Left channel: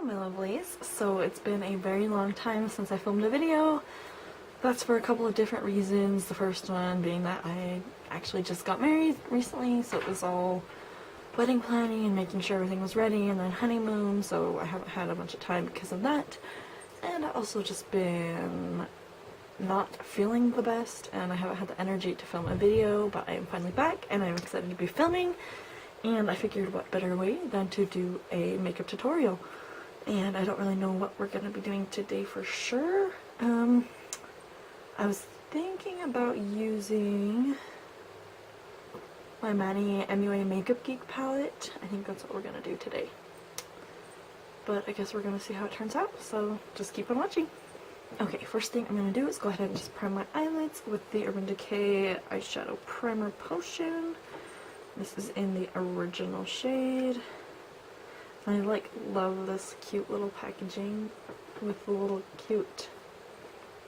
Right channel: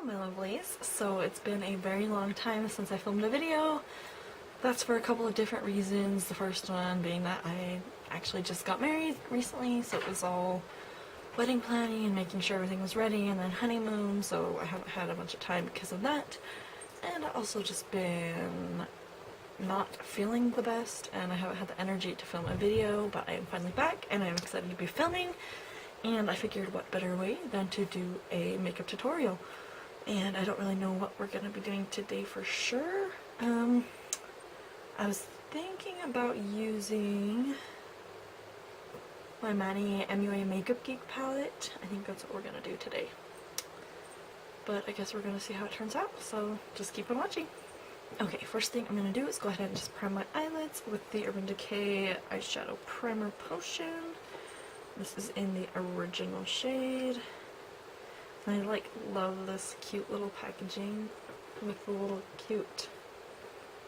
Hello my lovelies, so it's been a very long time since I filmed a video. That's for a couple of different reasons. The first one being that I actually just got married recently, so it was all wedding planning and making sure everything was ready, and then honeymoon, so I haven't had a bunch of time because of that. And I've also just been not feeling the best, and I haven't had the energy to film a video, but I am finally back and I'm excited to be filming. And I figured what better way than to do a makeup tutorial. And I don't really know what we're going to be doing today for sure. I was thinking about using my MannyMUAxMakeup Geek palette. I think that's what we're going to do today. But I guess we're going to see how it turns out, so just keep on watching. Okay, first thing I'm going to do is go ahead and just prime my eyelids with the Urban Decay Eyeshadow Primer Potion. This is in the original shade. And I love this cute little packaging with the little cute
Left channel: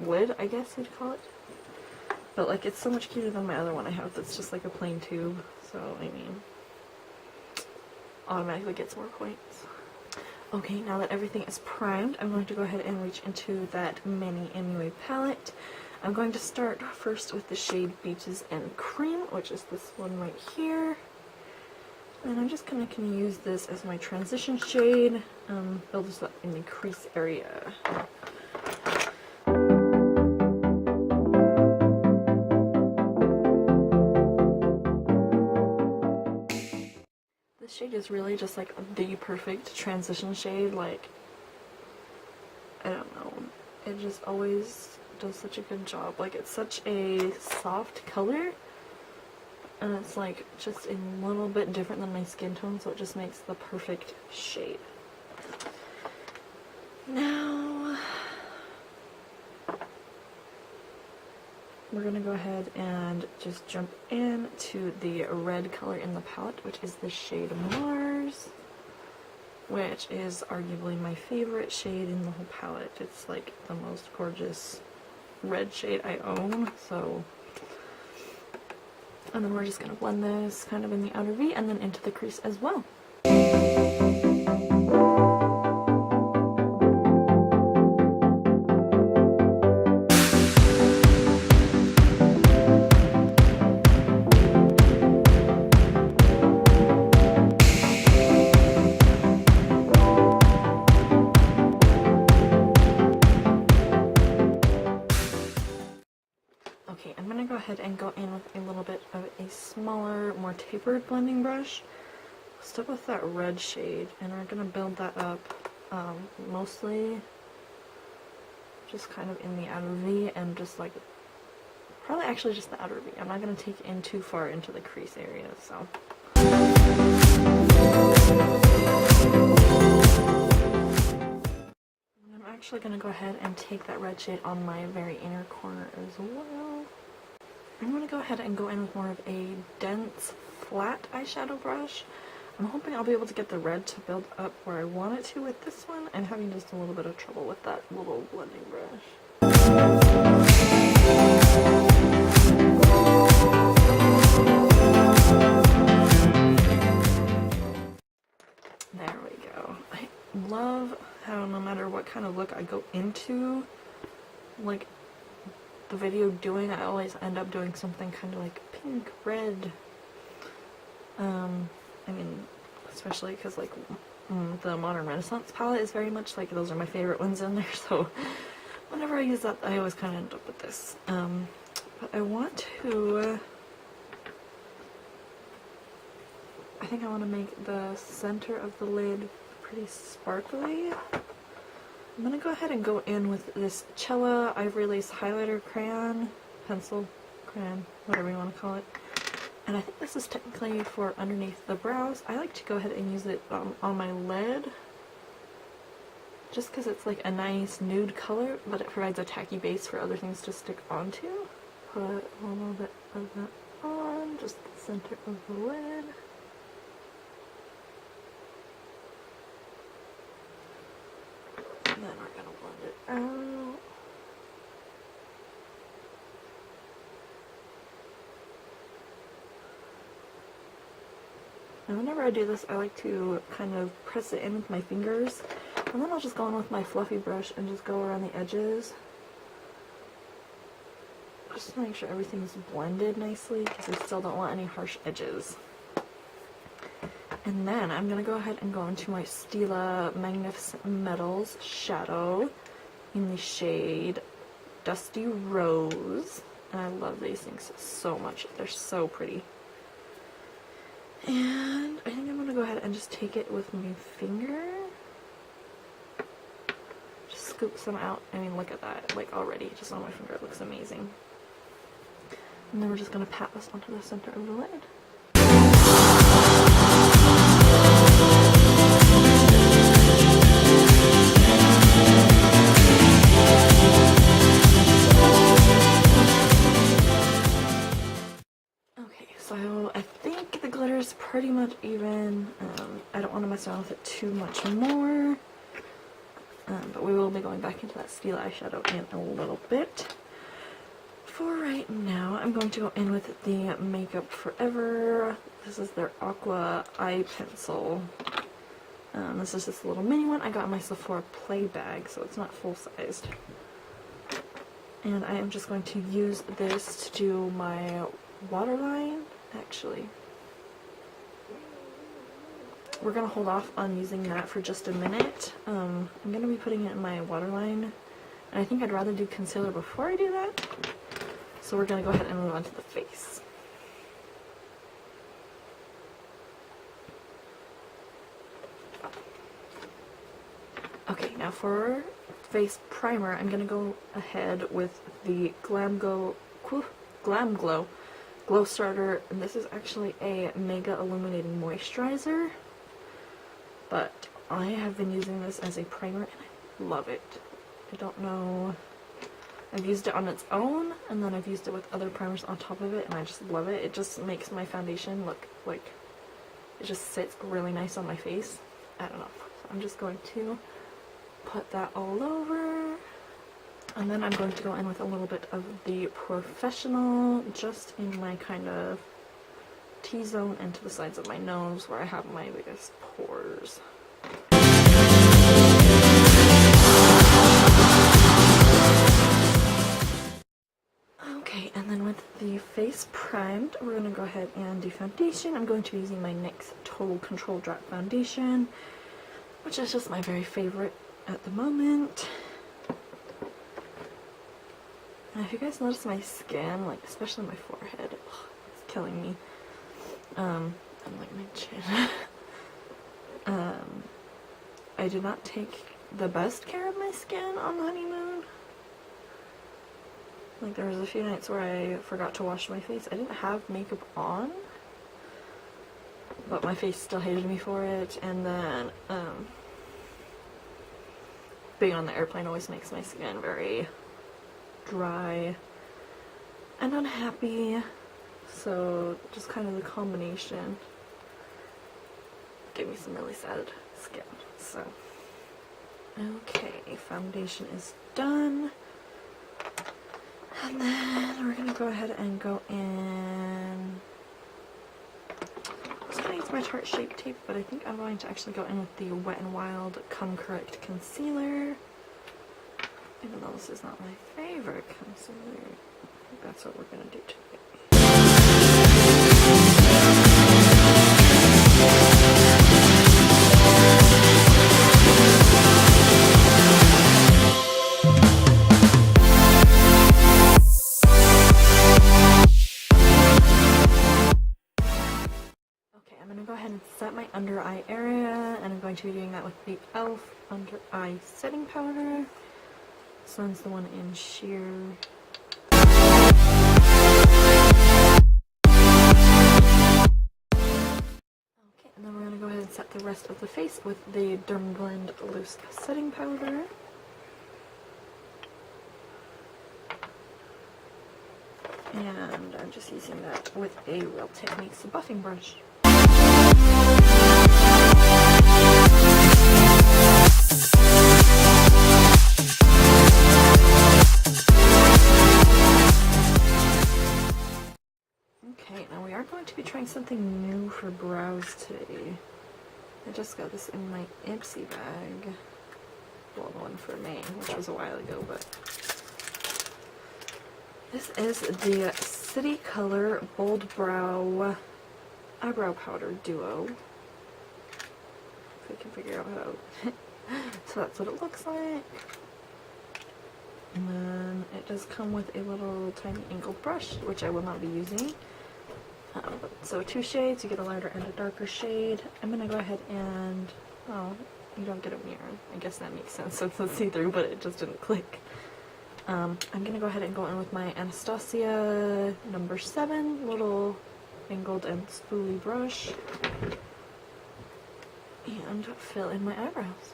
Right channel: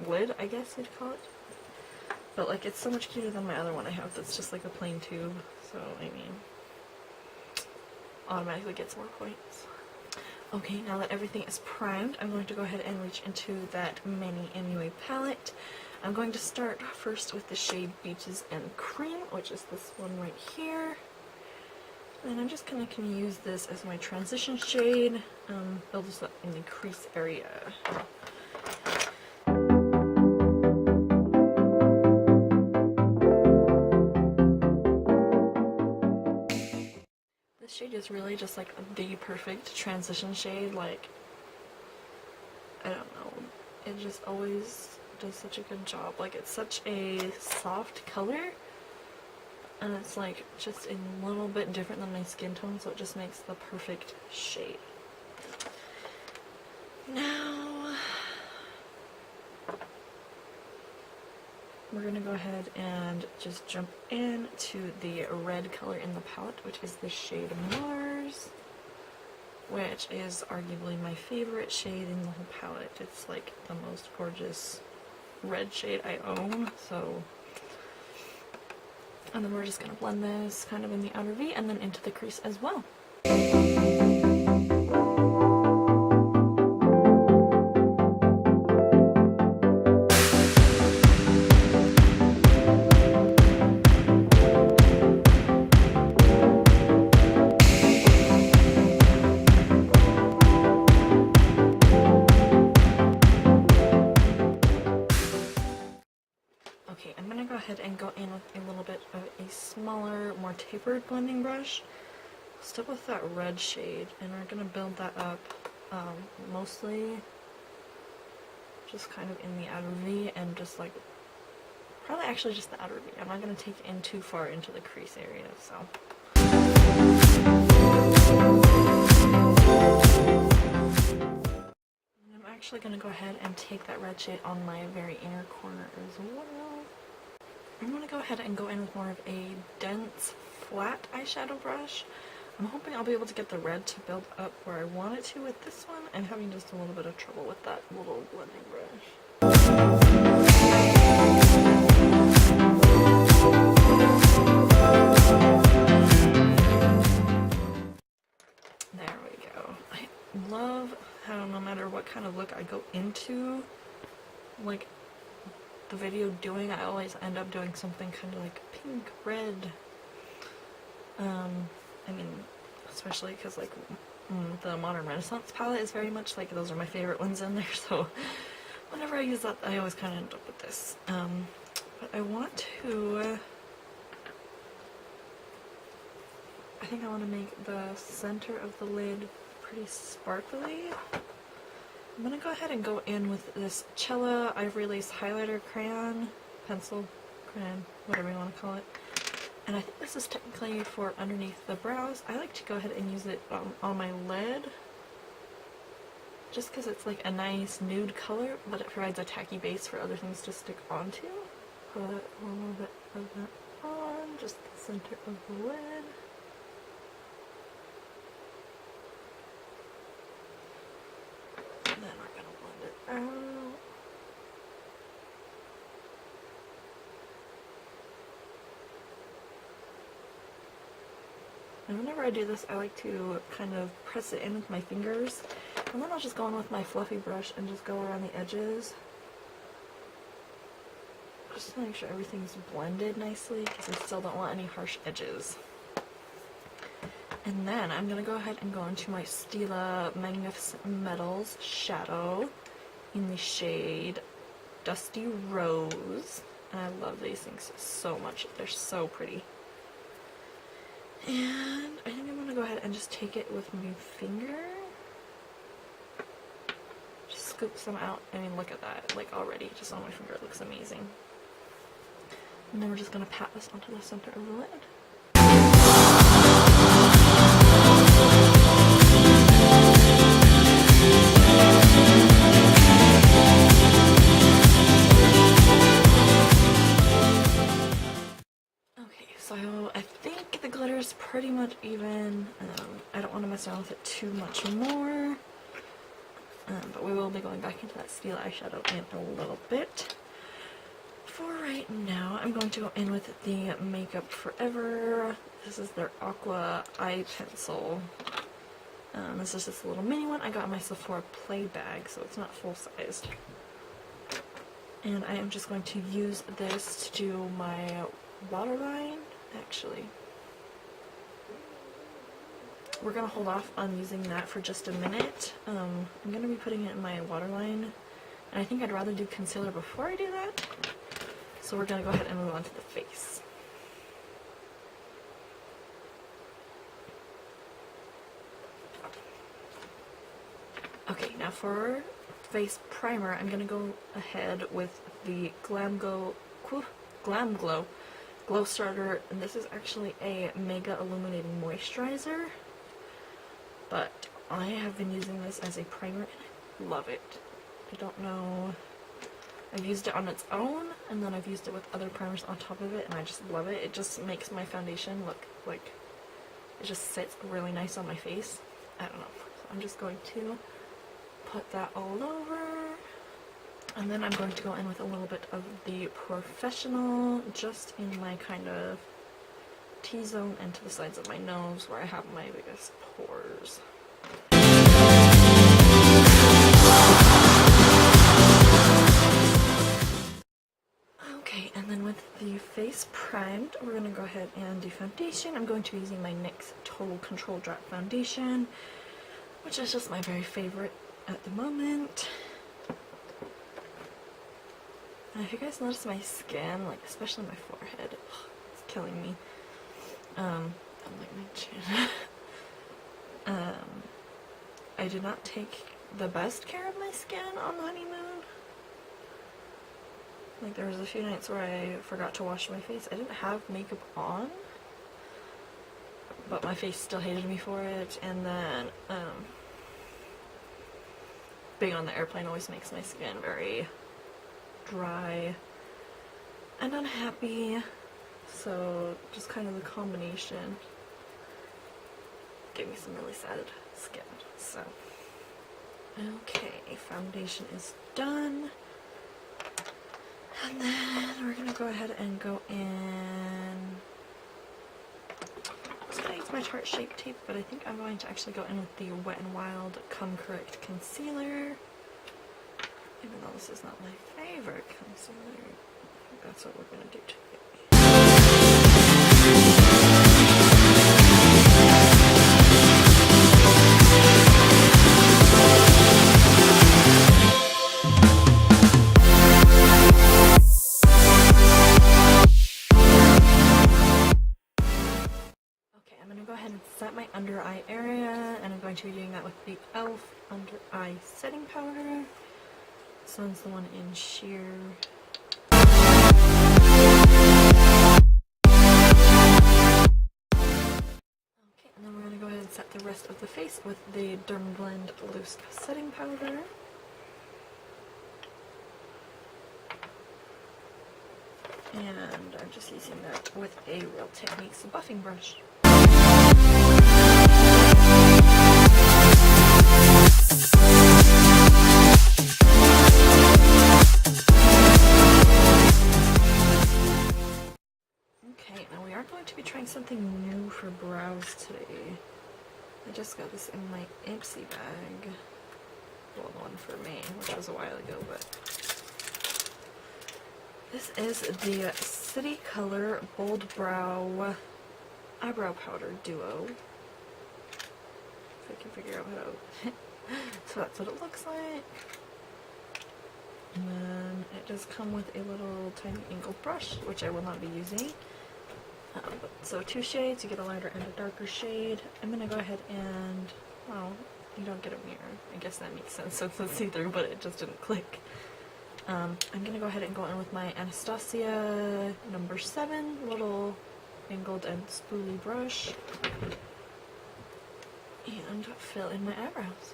lid, I guess you'd call it. But like, it's so much cuter than my other one I have that's just like a plain tube. So I mean, automatically gets more points. Okay, now that everything is primed, I'm going to go ahead and reach into that MannyMUA palette. I'm going to start first with the shade Beaches and Cream, which is this one right here. And I'm just kind of going to use this as my transition shade, build this up in the crease area. This shade is really just like the perfect transition shade. Like, I don't know, it just always does such a good job. Like, it's such a soft color, and it's like just a little bit different than my skin tone, so it just makes the perfect shade. Now we're gonna go ahead and just jump into the red color in the palette, which is the shade Mars, which is arguably my favorite shade in the whole palette. It's like the most gorgeous red shade I own. So, and then we're just gonna blend this kind of in the outer V and then into the crease as well. Okay, I'm going to go ahead and go in with a little bit of a smaller, more tapered blending brush. Still with that red shade, and we're going to build that up mostly just kind of in the outer V, and just like, probably actually just the outer V. I'm not going to take it in too far into the crease area, so. I'm actually going to go ahead and take that red shade on my very inner corner as well. I'm going to go ahead and go in with more of a dense, flat eyeshadow brush. I'm hoping I'll be able to get the red to build up where I want it to with this one. I'm having just a little bit of trouble with that little blending brush. There we go. I love how no matter what kind of look I go into, like, the video doing, I always end up doing something kind of like pink, red. I mean, especially because like the Modern Renaissance palette is very much like, those are my favorite ones in there, so whenever I use that, I always kind of end up with this. But I want to, I think I want to make the center of the lid pretty sparkly. I'm going to go ahead and go in with this Chella Ivory Lace Highlighter Crayon, Pencil, Crayon, whatever you want to call it. And I think this is technically for underneath the brows. I like to go ahead and use it on my lid, just because it's like a nice nude color, but it provides a tacky base for other things to stick onto. Put a little bit of that on, just the center of the lid. And then we're going to blend it out. And whenever I do this, I like to kind of press it in with my fingers And then I'll just go in with my fluffy brush and just go around the edges. Just to make sure everything's blended nicely, because I still don't want any harsh edges. And then I'm going to go ahead and go into my Stila Magnificent Metals shadow in the shade Dusty Rose. And I love these things so much. They're so pretty. And I think I'm going to go ahead and just take it with my finger. Just scoop some out. I mean, look at that. Like, already, just on my finger, it looks amazing. And then we're just going to pat this onto the center of the lid. Okay, so I think the glitter is pretty much even. I don't want to mess around with it too much more. But we will be going back into that Stila eyeshadow in a little bit. For right now, I'm going to go in with the Makeup Forever. This is their Aqua eye pencil. This is just a little mini one I got in my Sephora play bag, so it's not full-sized. And I am just going to use this to do my waterline. Actually, we're going to hold off on using that for just a minute. I'm going to be putting it in my waterline, and I think I'd rather do concealer before I do that. So we're going to go ahead and move on to the face. Okay, now for face primer, I'm going to go ahead with the Glam Glow Glowstarter, and this is actually a Mega Illuminating Moisturizer, but I have been using this as a primer and I love it. I don't know, I've used it on its own, and then I've used it with other primers on top of it, and I just love it. It just makes my foundation look like it just sits really nice on my face. I don't know. So I'm just going to put that all over, and then I'm going to go in with a little bit of the Porefessional just in my kind of T-zone and to the sides of my nose where I have my biggest pores. Okay, and then with the face primed, we're going to go ahead and do foundation. I'm going to be using my NYX Total Control Drop Foundation, which is just my very favorite at the moment. And if you guys notice my skin, like especially my forehead, it's killing me. And like my chin. I did not take the best care of my skin on the honeymoon. Like, there was a few nights where I forgot to wash my face. I didn't have makeup on, but my face still hated me for it. And then, being on the airplane always makes my skin very dry and unhappy. So, just kind of the combination gave me some really sad skin. So, okay, foundation is done. And then we're going to go ahead and go in. I was going to use my Tarte Shape Tape, but I think I'm going to actually go in with the Wet n Wild Come Correct Concealer. Even though this is not my favorite concealer, I think that's what we're going to do today. Set my under eye area, and I'm going to be doing that with the e.l.f. under eye setting powder. This one's the one in sheer. Okay, and then we're going to go ahead and set the rest of the face with the Dermablend loose setting powder. And I'm just using that with a Real Techniques buffing brush. Okay, now we are going to be trying something new for brows today. I just got this in my Ipsy bag. well, the one for May, which was a while ago, but this is the City Color Bold Brow Eyebrow Powder Duo. If we can figure out how to... So that's what it looks like. And then it does come with a little tiny angled brush, which I will not be using. So 2 shades, you get a lighter and a darker shade. I'm going to go ahead and... Oh, you don't get a mirror. I guess that makes sense since it's see-through, but it just didn't click. I'm going to go ahead and go in with my Anastasia number 7 little angled and spoolie brush and fill in my eyebrows.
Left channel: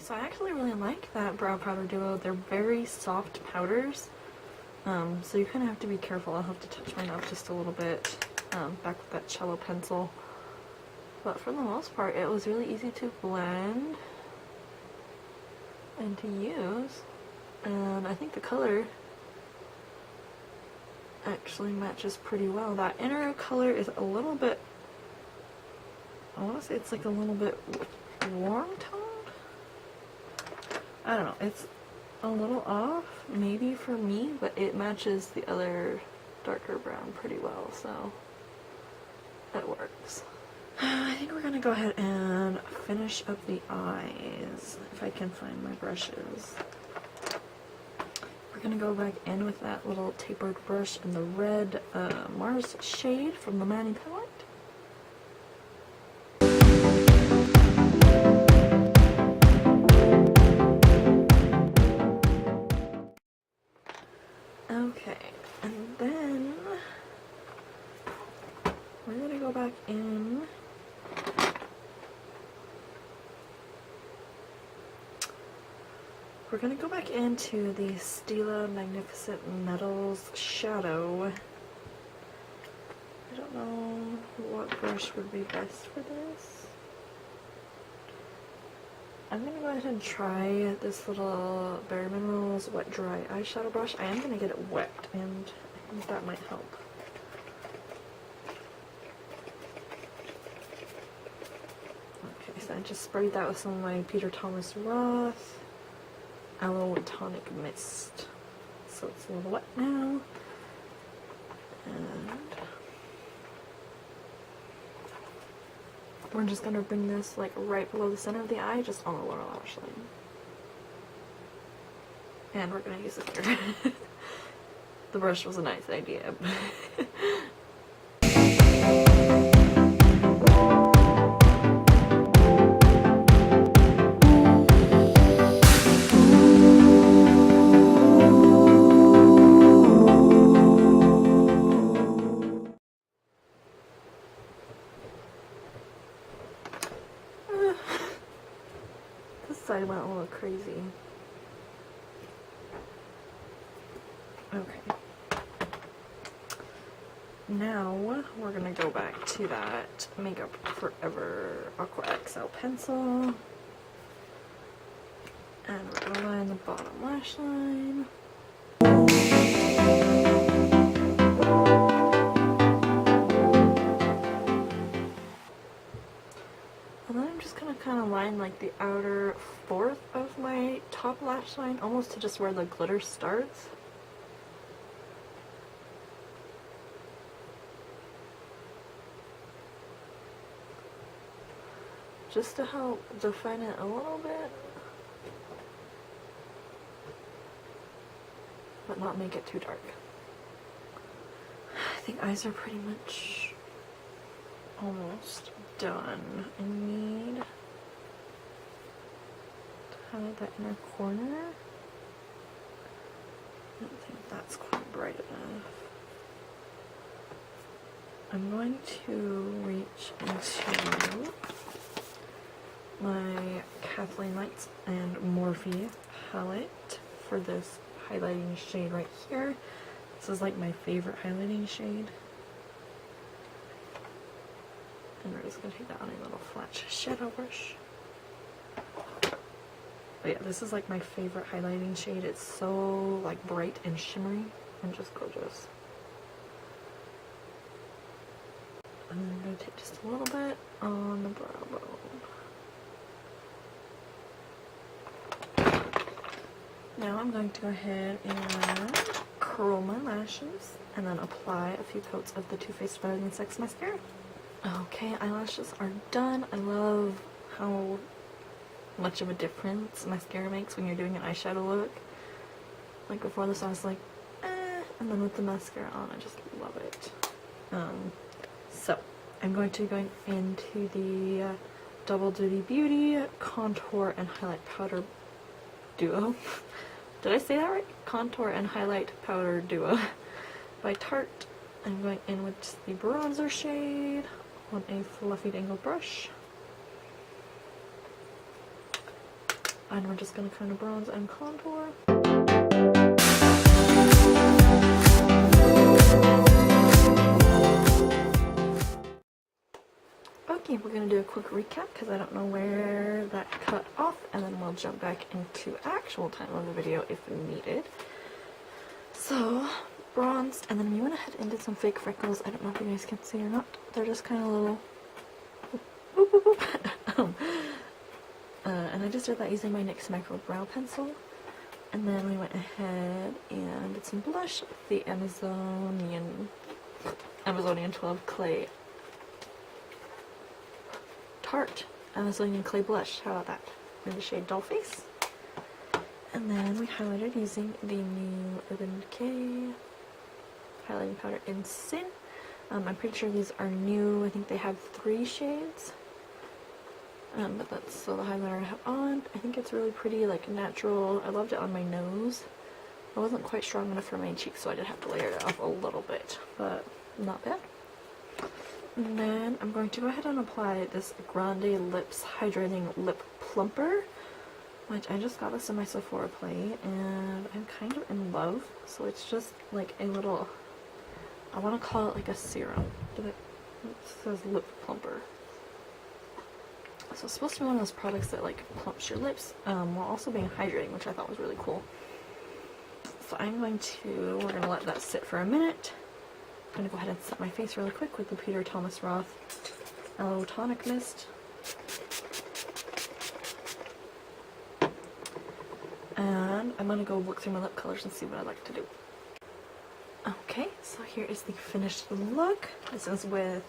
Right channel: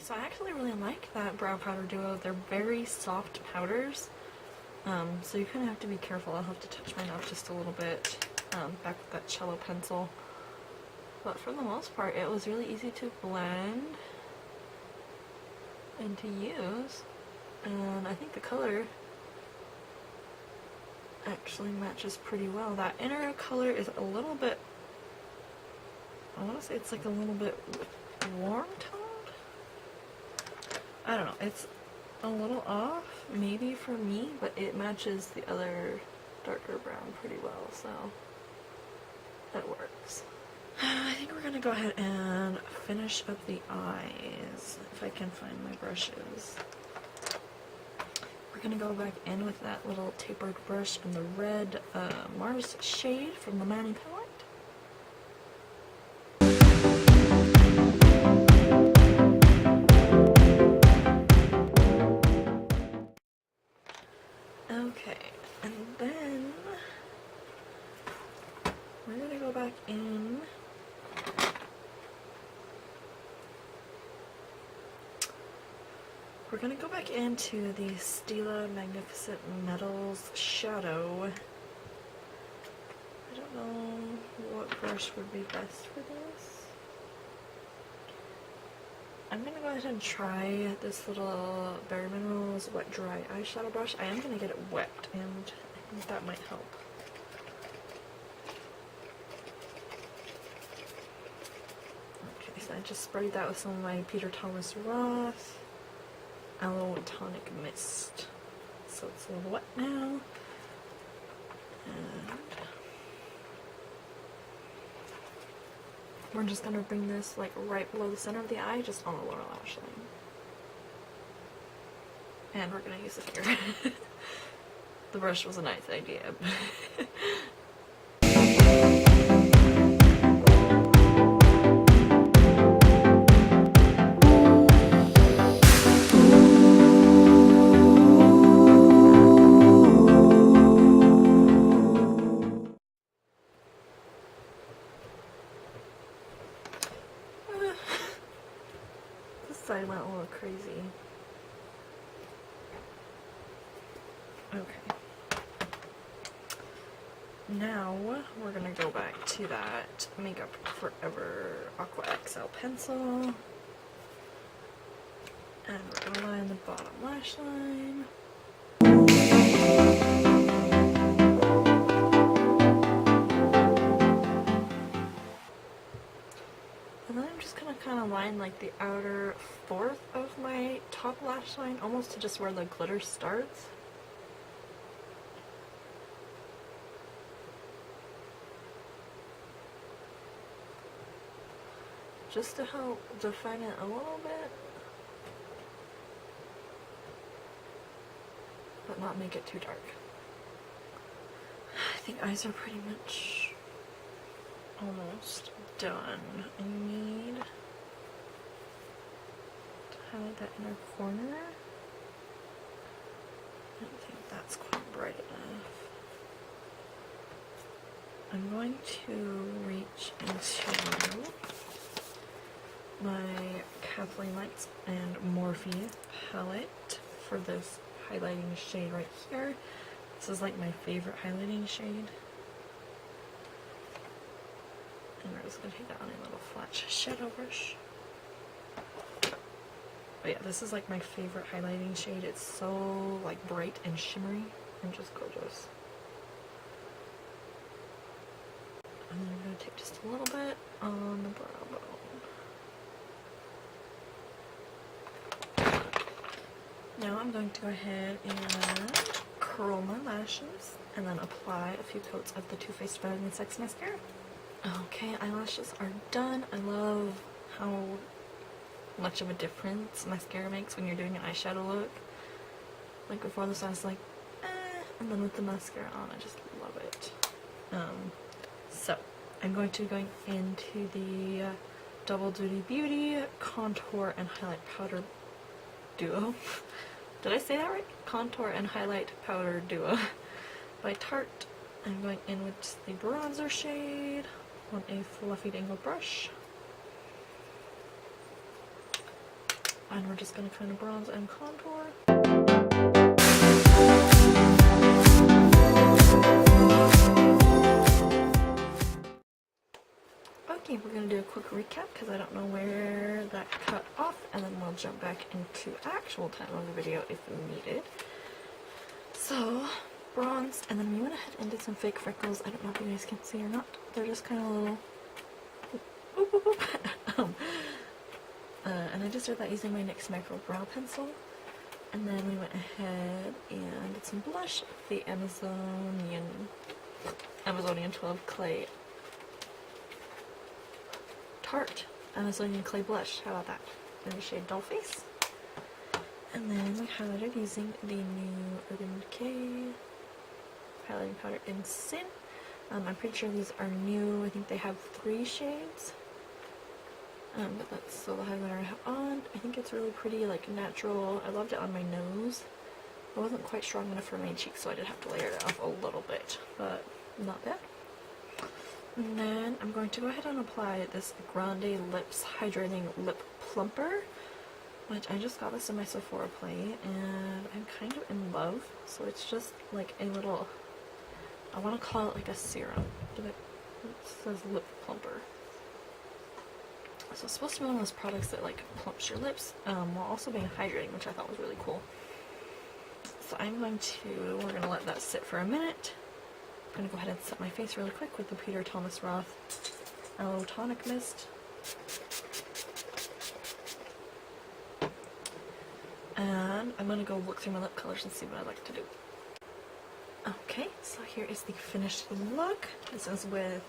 So I actually really like that brow powder duo. They're very soft powders, so you kind of have to be careful. I'll have to touch my nose just a little bit back with that Chella pencil. But for the most part, it was really easy to blend and to use. And I think the color actually matches pretty well. That inner color is a little bit, I want to say it's like a little bit warm tone. I don't know, it's a little off, maybe for me, but it matches the other darker brown pretty well, so that works. I think we're gonna go ahead and finish up the eyes, if I can find my brushes. We're gonna go back in with that little tapered brush in the red Mars shade from the Manny palette. Okay, and then we're gonna go back in into the Stila Magnificent Metals Shadow. I don't know what brush would be best for this. I'm gonna go ahead and try this little Bare Minerals Wet Dry Eyeshadow brush. I am gonna get it wet, and I think that might help. Okay, so I just sprayed that with some of my Peter Thomas Roth Aloe Tonic Mist. So it's a little wet now. And we're just gonna bring this like right below the center of the eye, just on the lower lash line. And we're gonna use it here. The brush was a nice idea. Side went a little crazy. Okay. Now we're gonna go back to that Makeup Forever Aqua XL pencil. And we're gonna line the bottom lash line. And then I'm just gonna kind of line like the outer fourth of my top lash line, almost to just where the glitter starts. Just to help define it a little bit, but not make it too dark. I think eyes are pretty much almost done. I need to highlight that inner corner. I don't think that's quite bright enough. I'm going to reach into my Kathleen Lights and Morphe palette for this highlighting shade right here. This is like my favorite highlighting shade. we're just going to take that on a little flat shadow brush. But yeah, this is like my favorite highlighting shade. It's so like bright and shimmery and just gorgeous. And then we're going to take just a little bit on the brow bone. Now I'm going to go ahead and curl my lashes and then apply a few coats of the Too Faced Better Than Sex Mascara. Okay, eyelashes are done. I love how much of a difference mascara makes when you're doing an eyeshadow look. Like before this I was like, eh, and then with the mascara on I just love it. So I'm going to be going into the Double Duty Beauty Contour and Highlight Powder Duo. Did I say that right? Contour and Highlight Powder Duo by Tarte. I'm going in with just the bronzer shade on a fluffy dangle brush. And we're just going to kind of bronze and contour. Okay, we're going to do a quick recap because I don't know where that cut off, and then we'll jump back into actual time of the video if needed. So, bronzed, and then we went ahead and did some fake freckles. I don't know if you guys can see or not. They're just kind of little... Boop, boop, boop. And I just did that using my NYX Micro Brow Pencil. And then we went ahead and did some blush with the Amazonian 12 Clay Tarte Amazonian Clay Blush. How about that? In the shade Doll Face. And then we highlighted using the new Urban Decay highlighting powder in Sin. I'm pretty sure these are new. I think they have 3 shades. But that's still the highlighter I have on. I think it's really pretty, like natural. I loved it on my nose. It wasn't quite strong enough for my cheeks, so I did have to layer it off a little bit, but not bad. And then I'm going to go ahead and apply this Grande Lips Hydrating Lip Plumper, which I just got this in my Sephora play, and I'm kind of in love. So it's just like a little, I want to call it like a serum. It says lip plumper. So it's supposed to be one of those products that like plumps your lips while also being hydrating, which I thought was really cool. So we're going to let that sit for a minute. I'm going to go ahead and set my face really quick with the Peter Thomas Roth Aloe Tonic Mist. And I'm going to go look through my lip colors and see what I like to do. Okay, so here is the finished look. This is with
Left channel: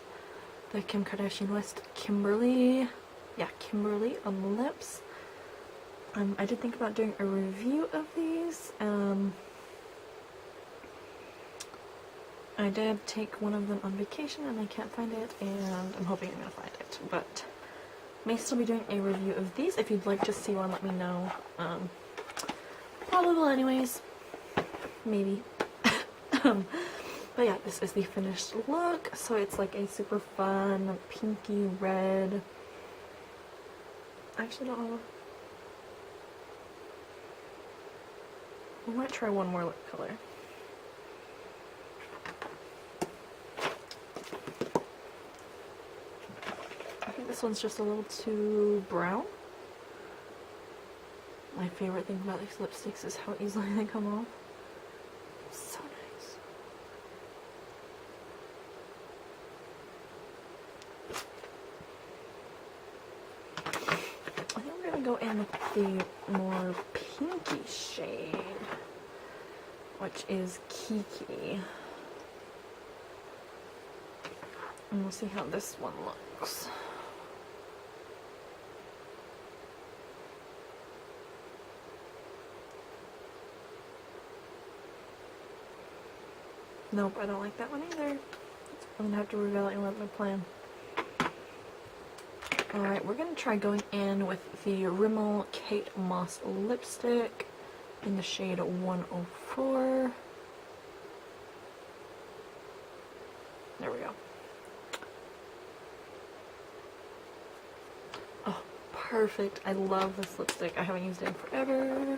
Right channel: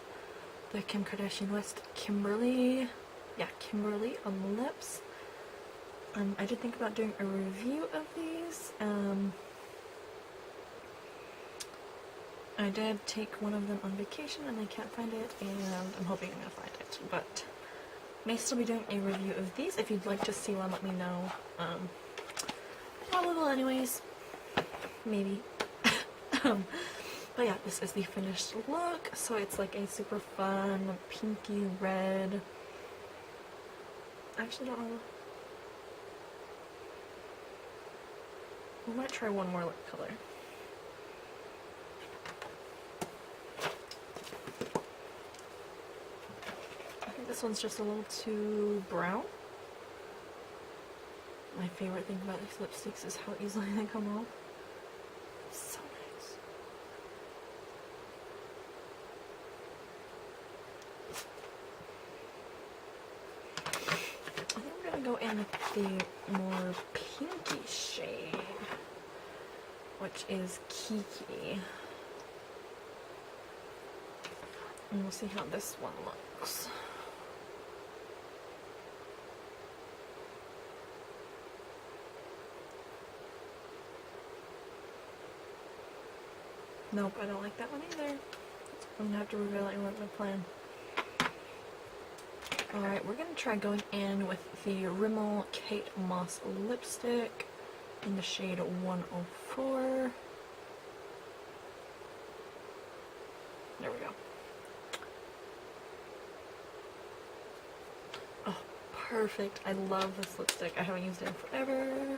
the Kim Kardashian West Kimberly on the lips. I did think about doing a review of these. I did take one of them on vacation and I can't find it, and I'm hoping I'm going to find it, but may still be doing a review of these. If you'd like to see one, let me know. Probably will anyways. Maybe. But yeah, this is the finished look. So it's like a super fun pinky red. I actually don't know. We might try one more lip color. I think this one's just a little too brown. My favorite thing about these lipsticks is how easily they come off. It's so nice. I think we're gonna go in with the more pinky shade, which is Kiki. And we'll see how this one looks. Nope, I don't like that one either. I'm gonna have to reevaluate my plan. Alright, we're gonna try going in with the Rimmel Kate Moss lipstick in the shade 104. There we go. Oh, perfect. I love this lipstick. I haven't used it in forever.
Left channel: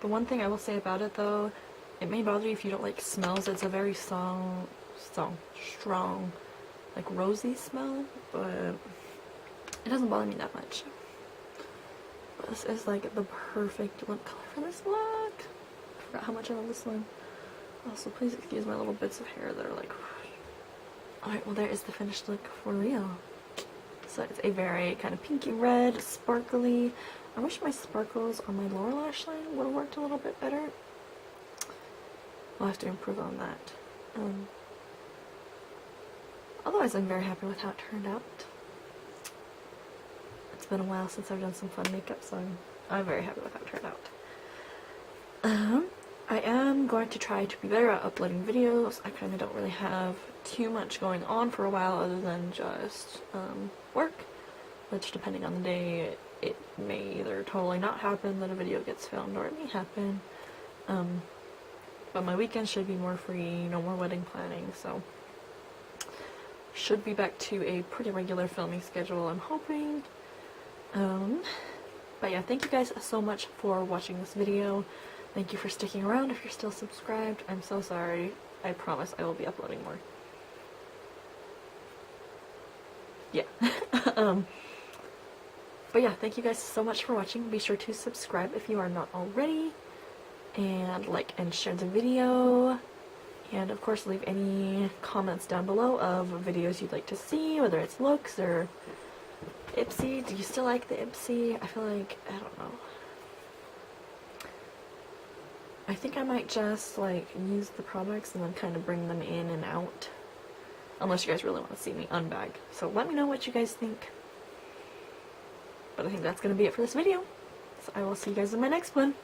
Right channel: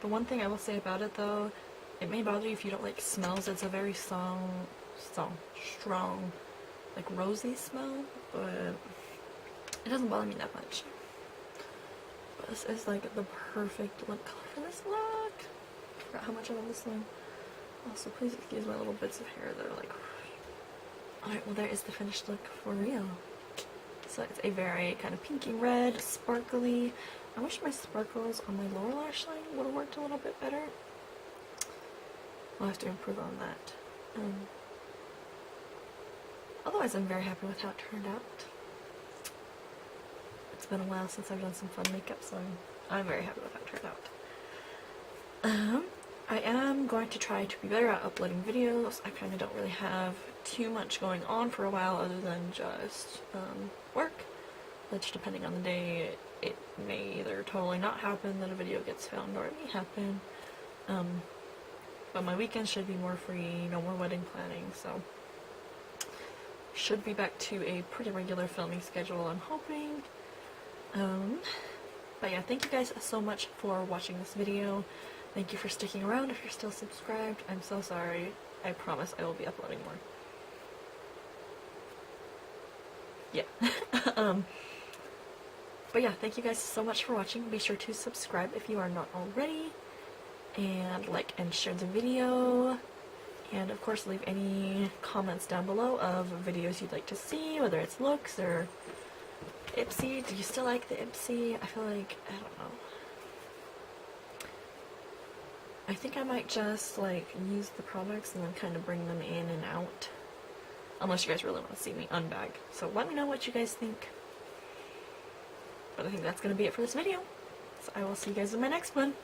The one thing I will say about it though, it may bother you if you don't like smells. It's a very strong like rosy smell, but it doesn't bother me that much. But this is like the perfect lip color for this look. I forgot how much I love this one. Also, please excuse my little bits of hair that are like... Alright, well there is the finished look for real. So it's a very kind of pinky red, sparkly. I wish my sparkles on my lower lash line would have worked a little bit better. I'll have to improve on that. Otherwise, I'm very happy with how it turned out. It's been a while since I've done some fun makeup, so I'm very happy with how it turned out. I am going to try to be better at uploading videos. I kind of don't really have too much going on for a while other than just work, which depending on the day, it may either totally not happen that a video gets filmed, or it may happen. But my weekends should be more free, no more wedding planning, so should be back to a pretty regular filming schedule, I'm hoping. But yeah, thank you guys so much for watching this video. Thank you for sticking around if you're still subscribed. I'm so sorry. I promise I will be uploading more. Yeah. But yeah, thank you guys so much for watching. Be sure to subscribe if you are not already. And like and share the video. And of course leave any comments down below of videos you'd like to see, whether it's looks or Ipsy. Do you still like the Ipsy? I feel like, I don't know. I think I might just like use the products and then kind of bring them in and out. Unless you guys really want to see me unbag. So let me know what you guys think. But I think that's going to be it for this video. So I will see you guys in my next one.